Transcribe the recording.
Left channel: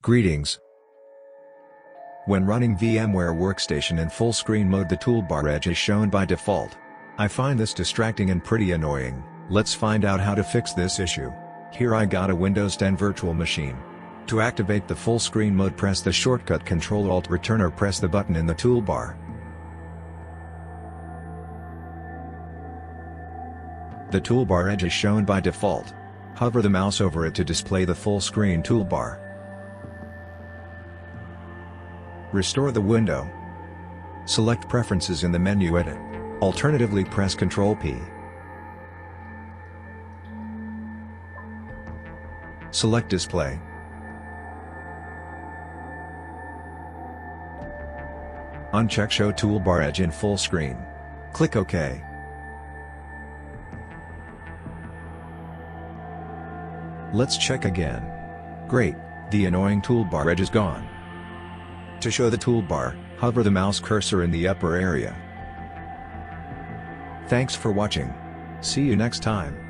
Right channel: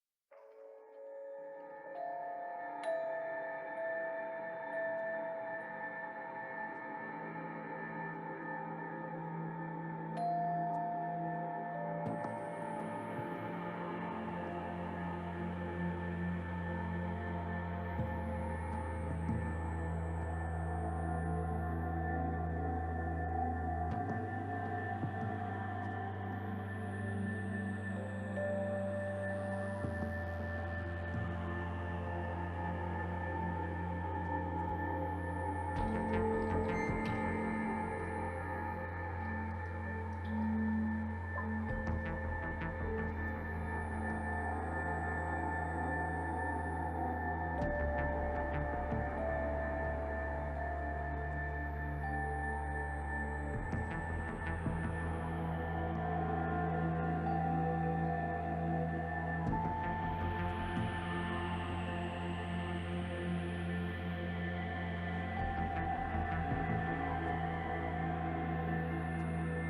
Greetings. When running VMware Workstation in full screen mode, the toolbar edge is shown by default. I find this distracting and pretty annoying. Let's find out how to fix this issue. Here I got a Windows 10 virtual machine. To activate the full screen mode, press the shortcut Ctrl-Alt-Return or press the button in the toolbar. The toolbar edge is shown by default. Hover the mouse over it to display the full screen toolbar. Restore the window. Select Preferences in the menu Edit. Alternatively, press Ctrl-P. Select Display. Uncheck Show Toolbar Edge in full screen. Click OK. Let's check again. Great, the annoying toolbar edge is gone. To show the toolbar, hover the mouse cursor in the upper area. Thanks for watching. See you next time.